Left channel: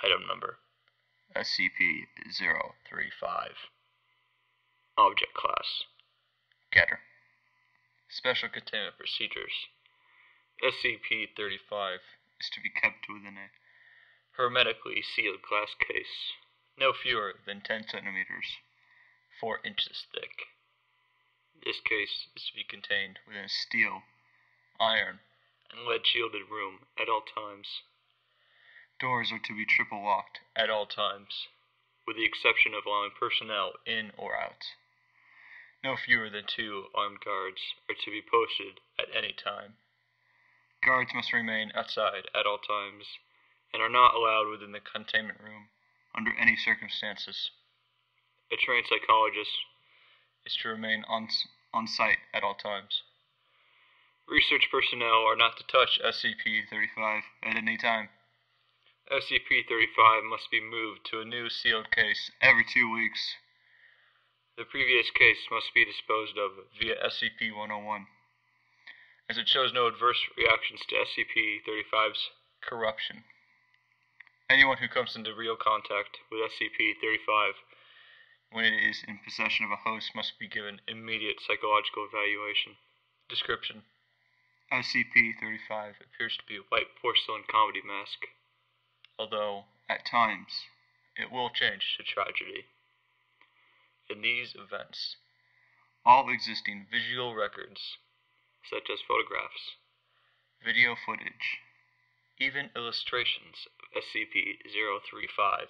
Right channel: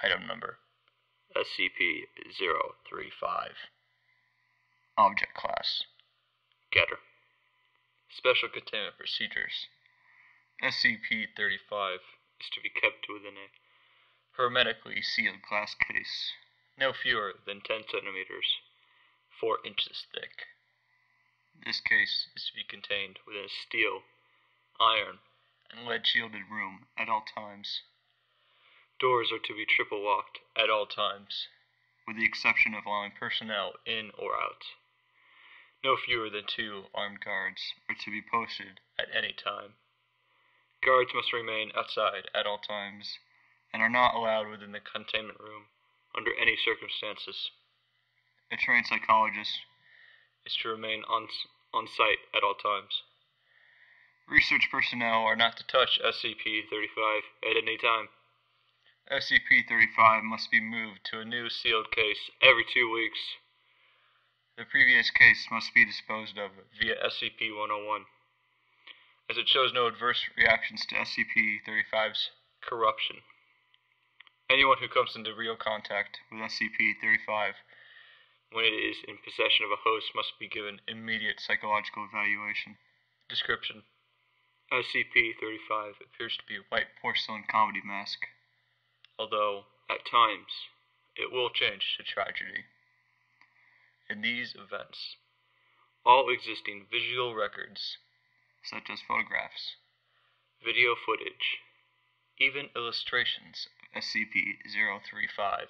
Item Number SCP-035. Object Class Getter. Special Containment Procedures. SCP-035 is to be kept within a hermetically sealed glass case, no fewer than 10 centimeters, 4 inches thick. This case is to be contained within a steel, iron, and lead-shielded room at all times. Doors are to be triple locked at all times, with the exception of allowing personnel in or out. No fewer than 2 armed guards are to be posted at any time. Guards must remain outside at all times, and are not allowed within the containment room under any circumstances. A trained psychologist is to remain on site at all times. Research personnel are not to touch SCP-035 at any time. SCP-035 must be moved to a new sealed case every 2 weeks. The previous case must be disposed of via SCP-101, as it shows no adverse reactions to SCP-035's corruption. Anyone who comes into real contact with SCP-035 when it is in possession of a host must be given immediate psychological evaluation. Description: SCP-035 appears to be a white porcelain comedy mask, although, at times, it will change to tragedy. In these events, all existing visual records, such as photographs, video footage, even illustrations of SCP-035,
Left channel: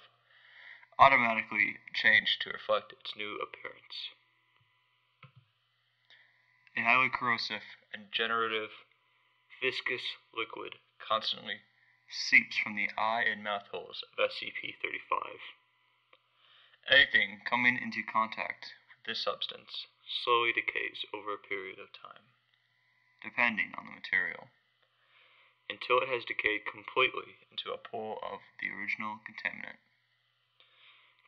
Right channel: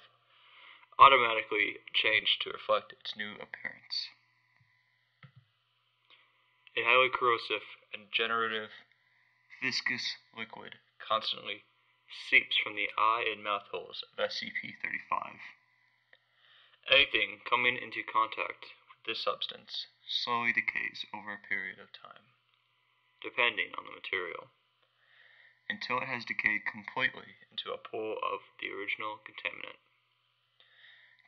automatically change to reflect its new appearance. A highly corrosive and generative viscous liquid constantly seeps from the eye and mouth holes of SCP-035. Anything coming into contact with this substance slowly decays over a period of time, depending on the material, until it has decayed completely into a pool of the original contaminant.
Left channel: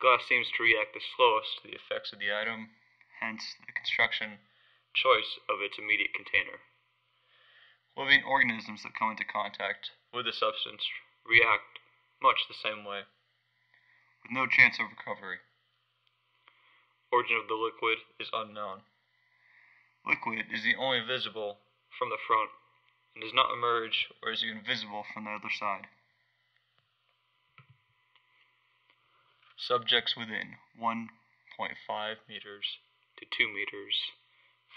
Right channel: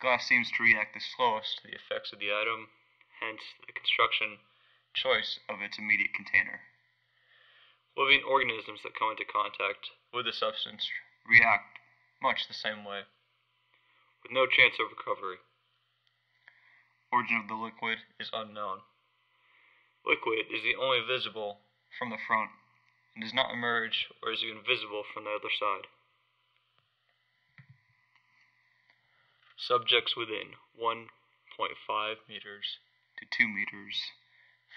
Glass seems to react the slowest to the effects of the item, hence the construction choice of its immediate container. Living organisms that come into contact with the substance react much the same way, with no chance of recovery. Origin of the liquid is unknown. Liquid is the only visible from the front, and does not emerge or is even visible from the other side. Subjects within 1.5 meters to 2 meters,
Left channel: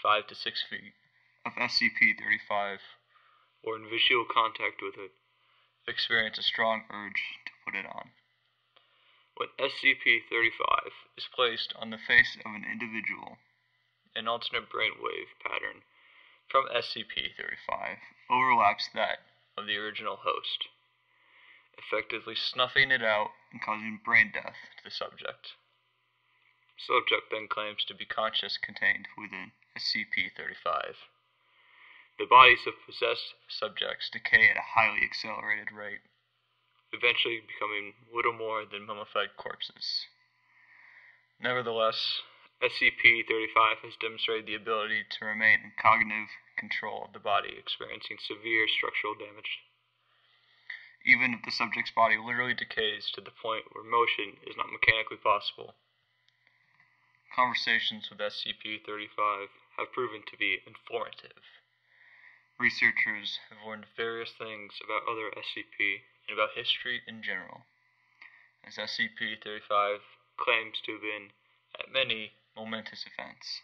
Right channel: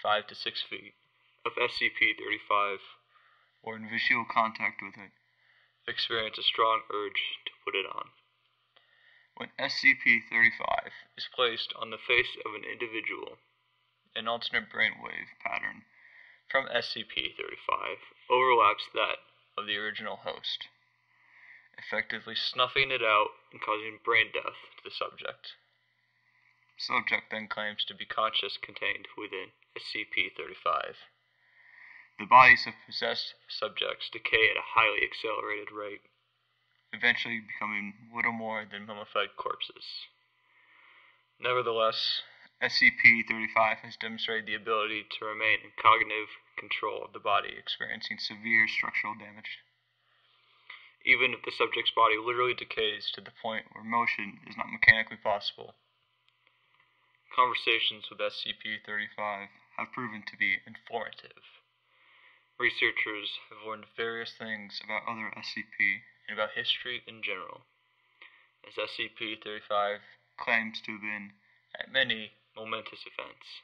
5 to 6 feet, of SCP-035, or in visual contact with it, experience a strong urge to put it on. When SCP-035 is placed on the face of an individual, an alternate brainwave pattern from SCP-035 overlaps that of the original host, effectively snuffing it out and causing brain death to the subject. Subject then claims to be conscious contained within SCP-035. The bodies of possessed subjects decay at a highly accelerated rate, eventually becoming little more than mummified corpses. Nevertheless, SCP-035 has demonstrated the ability to remain in cognitive control of the body experiencing severe structural damage, even if the subject's body literally decays to the point where motion is not mechanically possible. Conversations with SCP-035 have proven to be informative. Researchers have learned various things about other SCP and about history in general, as SCP-035 claims to have been at many momentous events.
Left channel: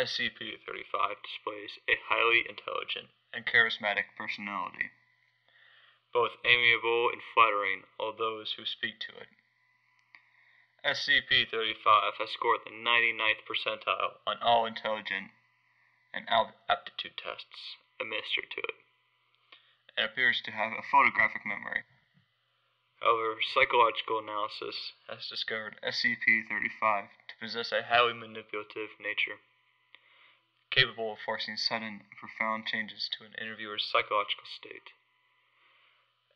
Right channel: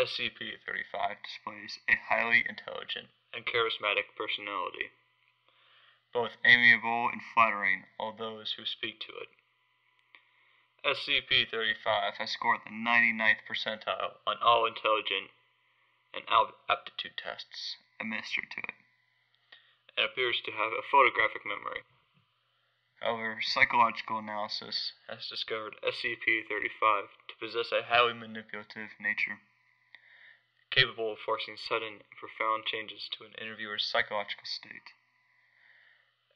SCP-035 displays a highly intelligent and charismatic personality, both amiable and flattering all those who speak to it. SCP-035 has scored the 99th percentile on all intelligence and aptitude tests administered to it, and appears to have a photographic memory. However, psychological analysis has discovered SCP-035 to possess a highly manipulative nature, capable of forcing sudden and profound changes to an interviewer's psychological state.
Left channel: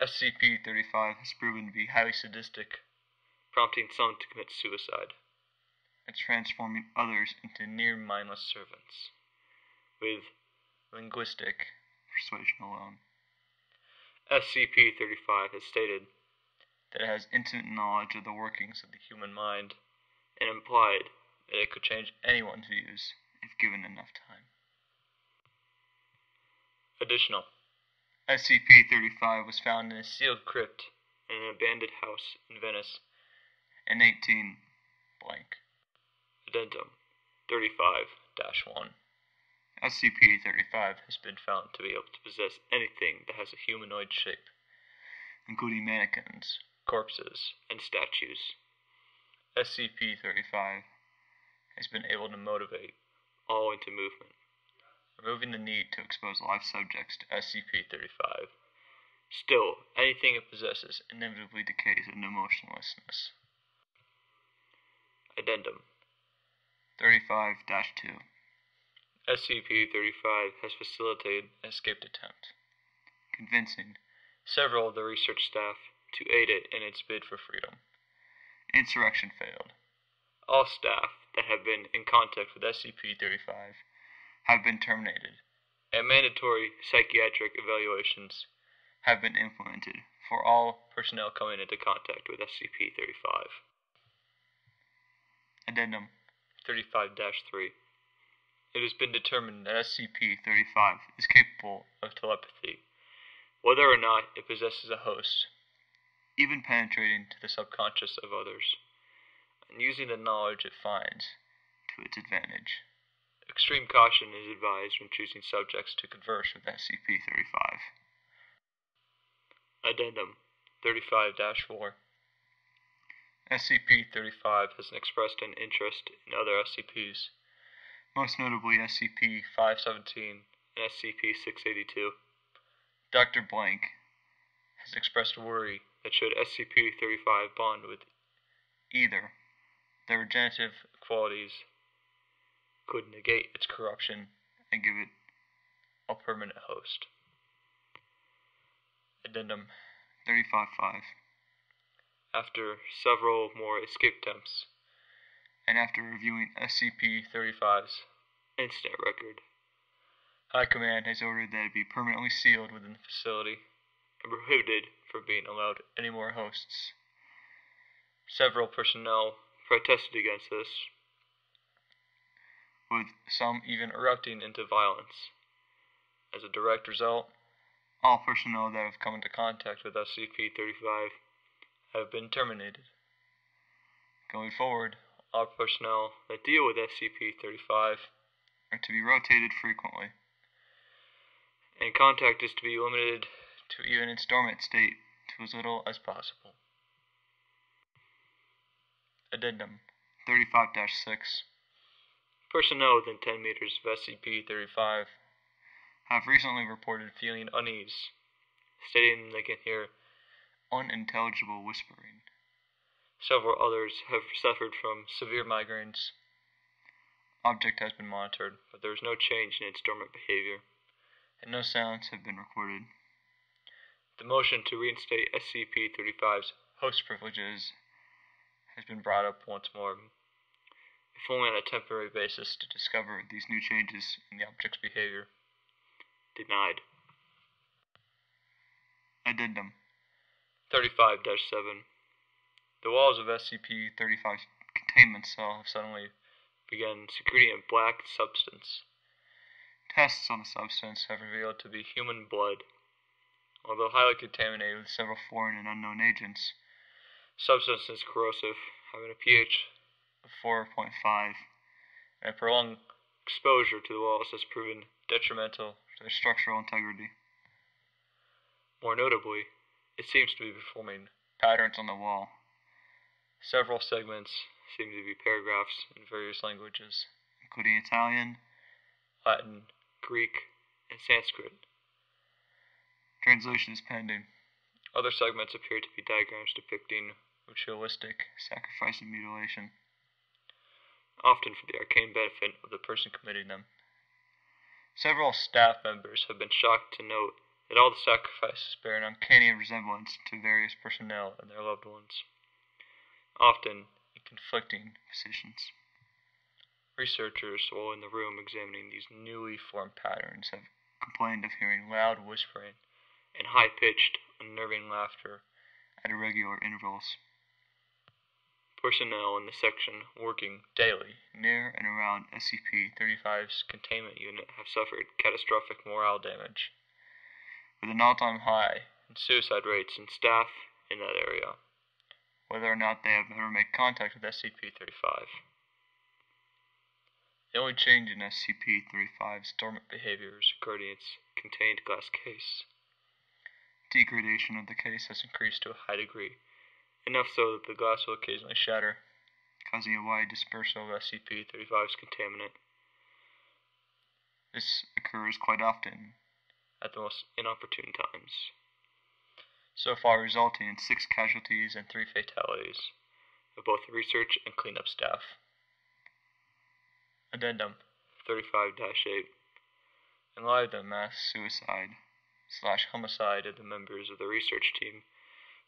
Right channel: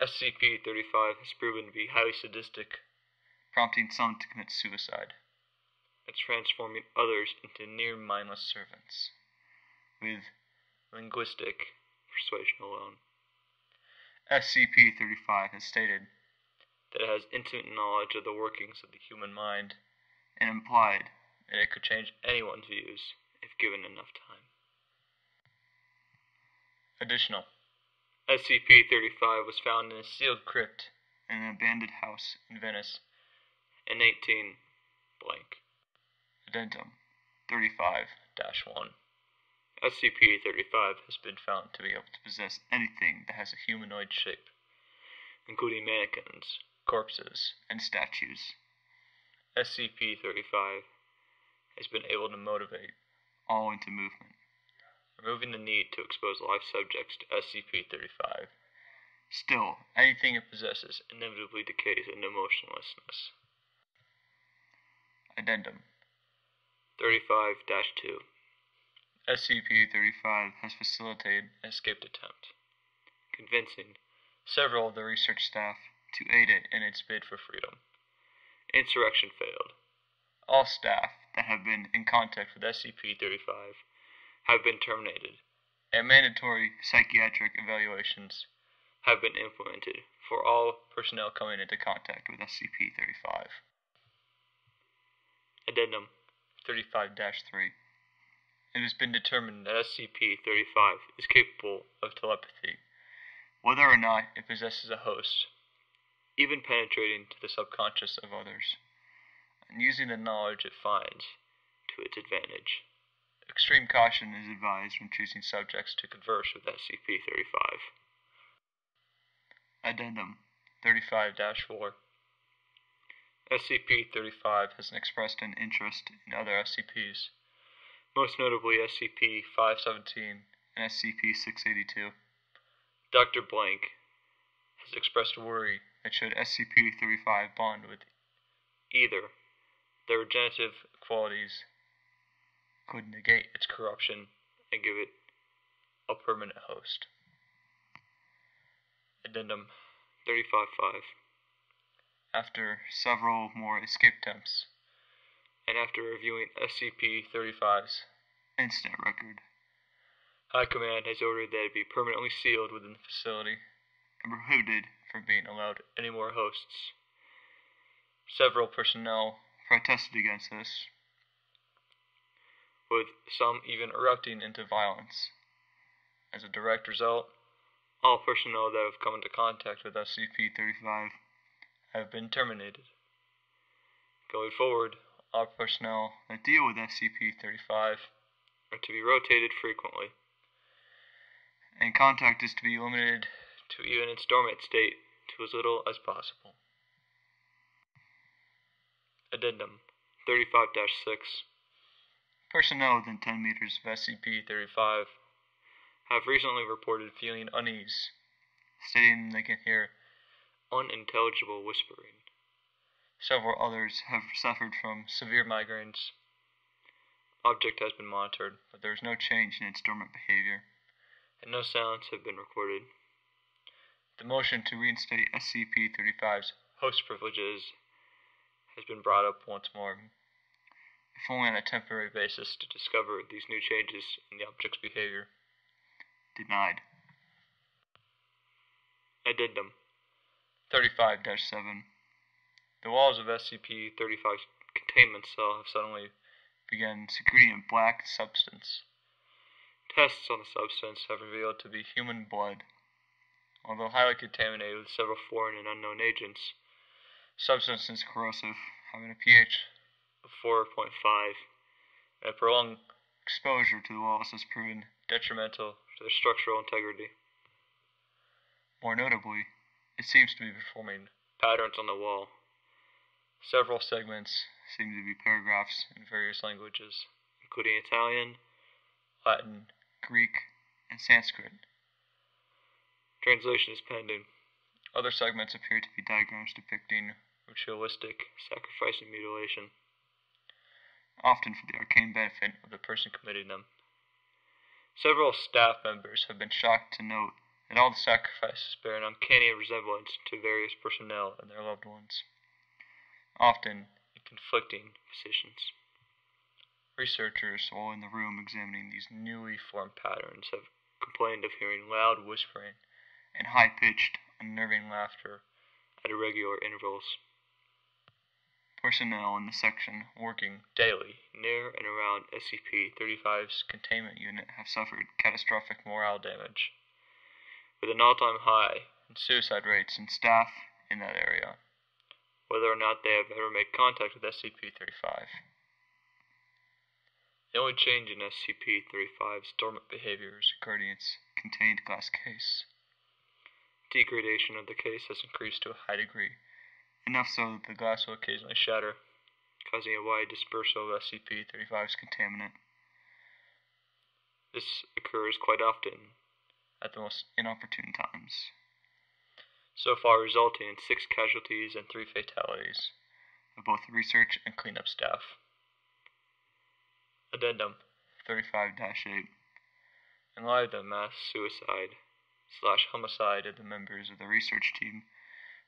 SCP-035 has proven to be highly sadistic, prompting some to commit suicide, and transforming others into near-mindless servants, with linguistic persuasion alone. SCP-035 has stated that it has intimate knowledge of the workings of the human mind, and implied that it could change anyone's views if given enough time. Additional. SCP-035 was found in a sealed crypt in an abandoned house in Venice in 18 blank. Addendum 35-1. SCP-035 has been found to be able to possess anything that has a humanoid shape, including mannequins, corpses, and statues. SCP-035 has been able to motivate all into movement, removing the need to expose live subjects to SCP-035. Still, anything it possesses inevitably decays into motionlessness. Addendum 35-2. SCP-035 has facilitated an escape attempt, convincing several of the research staff to aid it in its bid for freedom. Insurrection failed. All staff that have been in contact with SCP-035 have been terminated, and mandatory psychiatric evaluations have been implemented for all personnel coming into contact with SCP-035. Addendum 35-3. It has been determined that SCP-035 is capable of telepathy, whether or not it possesses a host, even penetrating to the subconscious of others, and using the knowledge it finds to its advantage. Extreme caution is advised when choosing subjects to converse with SCP-035. Addendum 35-4. SCP-035 has expressed an interest in other SCPs, most notably SCP-517 and SCP-682. Dr. Blank has expressed worry that should SCP-035 bond with either, their regenerative qualities could negate its corruption and give it a permanent host. Addendum 35-5. After several more escape attempts, and after reviewing SCP-035's incident record, High Command has ordered that it be permanently sealed within the facility and prohibited from being allowed any more hosts. Several personnel protested against this, with some even erupting into violence. As a direct result, all personnel that have come into contact with SCP-035 have been terminated. Going forward, all personnel that deal with SCP-035 are to be rotated frequently, and contact is to be limited to even its dormant state to as little as possible. Addendum 35-6. Personnel within 10 meters of SCP-035 have recently reported feeling unease, stating they can hear unintelligible whispering. Several others have suffered from severe migraines. Object has been monitored, but there is no change in its dormant behavior, and no sounds have been recorded. The motion to reinstate SCP-035's host privileges has been brought up once more, if only on a temporary basis to discover these new changes in the object's behavior. Denied. Addendum 35-7. The walls of SCP-035's containment cell have suddenly begun secreting a black substance. Tests on the substance have revealed to be human blood. Although highly contaminated with several foreign and unknown agents, substance is corrosive, having a pH of 4.5, and a prolonged exposure to the walls has proven detrimental to their structural integrity. More notably, it seems to be performing patterns on the wall. Several segments seem to be paragraphs in various languages, including Italian, Latin, Greek, and Sanskrit. Translation is pending. Other segments appear to be diagrams depicting ritualistic sacrifice and mutilation, often for the arcane benefit of the person committing them. Several staff members have been shocked to note that all the sacrifices bear an uncanny resemblance to various personnel and their loved ones, often in conflicting positions. Researchers, while in the room examining these newly formed patterns, have complained of hearing loud whispering and high-pitched, unnerving laughter at irregular intervals. Personnel in the section working daily near and around SCP-35's containment unit have suffered catastrophic morale damage, with an all-time high in suicide rates in staff in that area, whether or not they have ever made contact with SCP-35. The only change in SCP-35's dormant behaviors regarding its contained glass case. Degradation of the case has increased to a high degree, enough so that the glass will occasionally shatter, causing a wide dispersal of SCP-35's contaminant. This occurs quite often at the most inopportune times, so far resulting in 6 casualties and 3 fatalities of both research and cleanup staff. Addendum 35-8. In light of the mass suicide/homicide of the members of the research team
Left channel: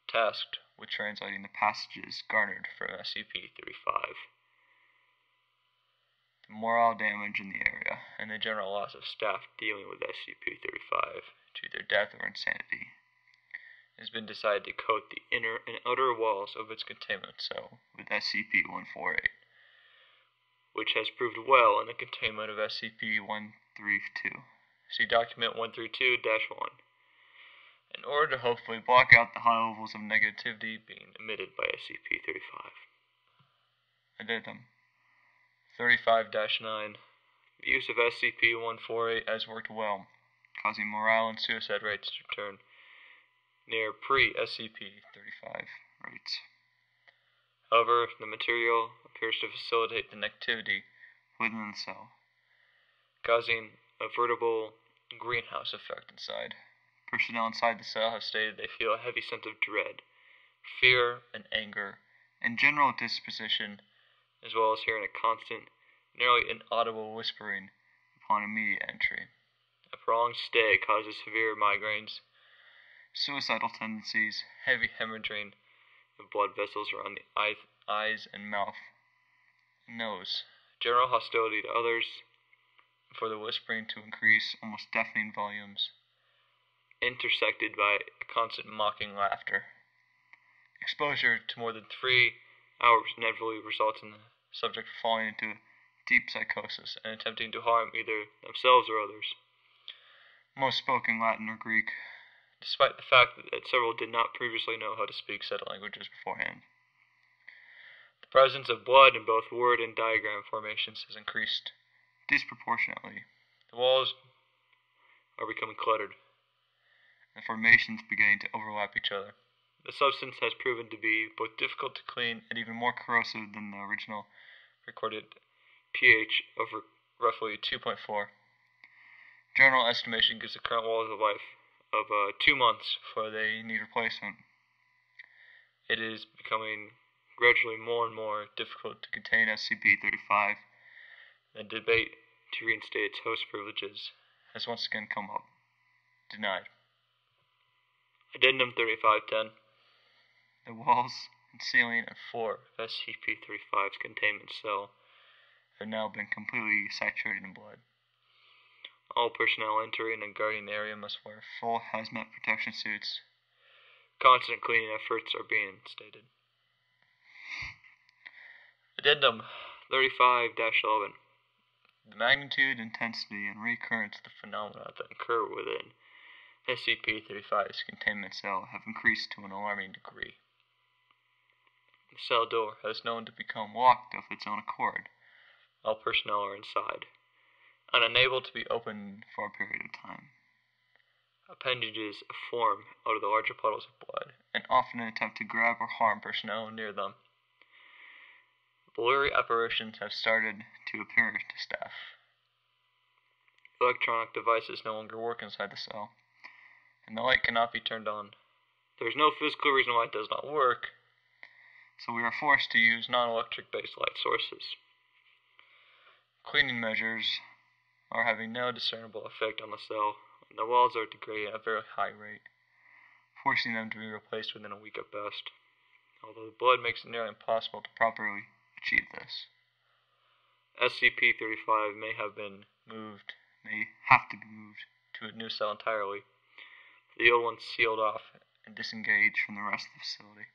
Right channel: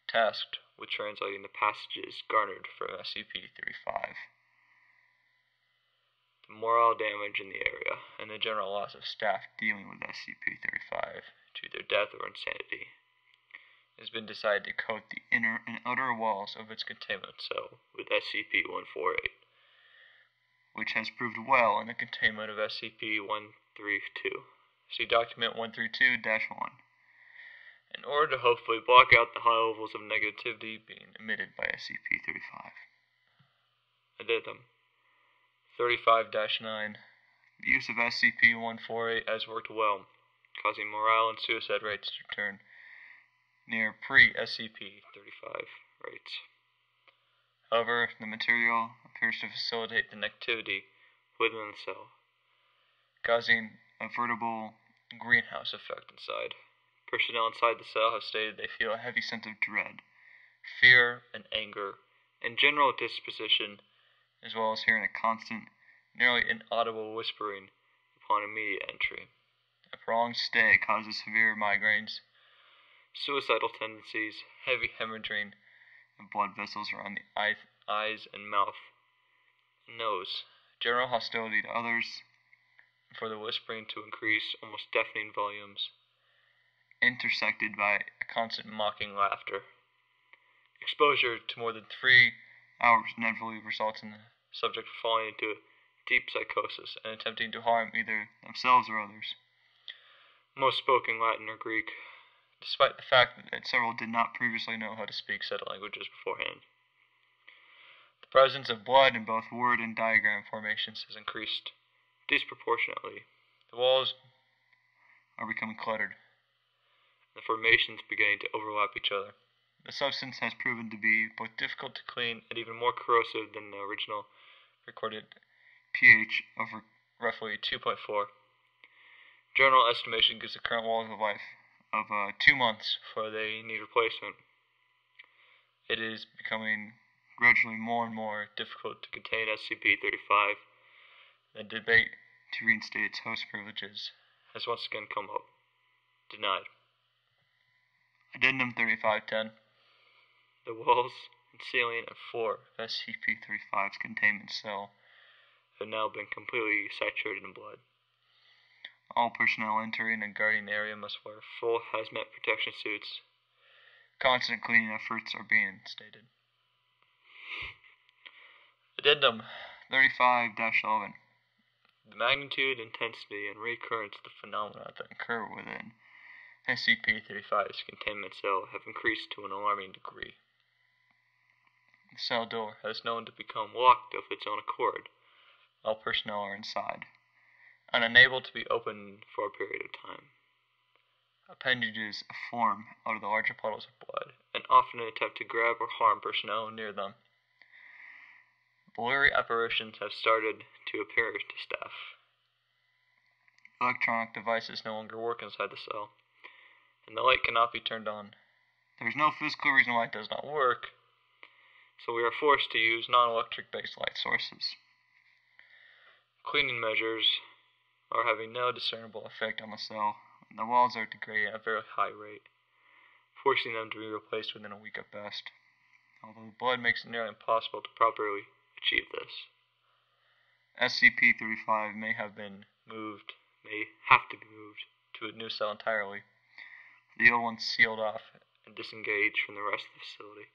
tasked with translating the passages garnered from SCP-35, the morale damage in the area, and the general loss of staff dealing with SCP-35 to their death or insanity, it has been decided to coat the inner and outer walls of its containment cell with SCP-148, which has proved well in the containment of SCP-132. See Document 132-1. In order to hopefully block out the high levels of negativity being emitted by SCP-35. Addendum 35-9. The use of SCP-148 has worked well, causing morale and suicide rates to return near pre-SCP-35 rates. However, the material appears to facilitate the negativity within the cell, causing a veritable greenhouse effect inside. Personnel inside the cell have stated they feel a heavy sense of dread, fear, and anger, and general disposition, as well as hearing a constant, nearly inaudible whispering upon immediate entry. A prolonged stay causes severe migraines, suicidal tendencies, heavy hemorrhaging of blood vessels around the eyes and mouth and nose, general hostility to others, and for the whispering to increase almost deafening volumes, intersected by a constant mocking laughter. Exposure to more than 3 hours inevitably results in the subject falling into a deep psychosis and attempting to harm either themselves or others. Most spoke in Latin or Greek, despite the fact that several did not previously know how to speak said languages beforehand. The presence of blood in both word and diagram formations has increased disproportionately. The walls are becoming cluttered, and the formations beginning to overlap each other. The substance has proven to be both difficult to clean and even more corrosive than the original recorded pH of roughly 2.4. General estimation gives the current walls a life of 2 months before they need replacement. It is becoming gradually more and more difficult to contain SCP-35. The debate to reinstate its host privileges has once again come up. Denied. Addendum 35-10. The walls and ceiling and floor of SCP-35's containment cell have now been completely saturated in blood. All personnel entering and guarding the area must wear full hazmat protection suits. Constant cleaning efforts are being instated. Addendum 35-11. The magnitude, intensity, and recurrence of the phenomena that occur within SCP-35's containment cell have increased to an alarming degree. The cell door has known to become locked of its own accord. All personnel are inside, and unable to be opened for a period of time. Appendages form out of the larger puddles of blood, and often attempt to grab or harm personnel near them. Blurry apparitions have started to appear to staff. Electronic devices no longer work inside the cell, and the light cannot be turned on. There is no physical reason why it does not work, so we are forced to use non-electric based light sources. Cleaning measures are having no discernible effect on the cell, and the walls are degrading at a very high rate, forcing them to be replaced within a week at best, although the blood makes it nearly impossible to properly achieve this. SCP-35 may have to be moved to a new cell entirely, the old one sealed off and disengage from the rest of the facility.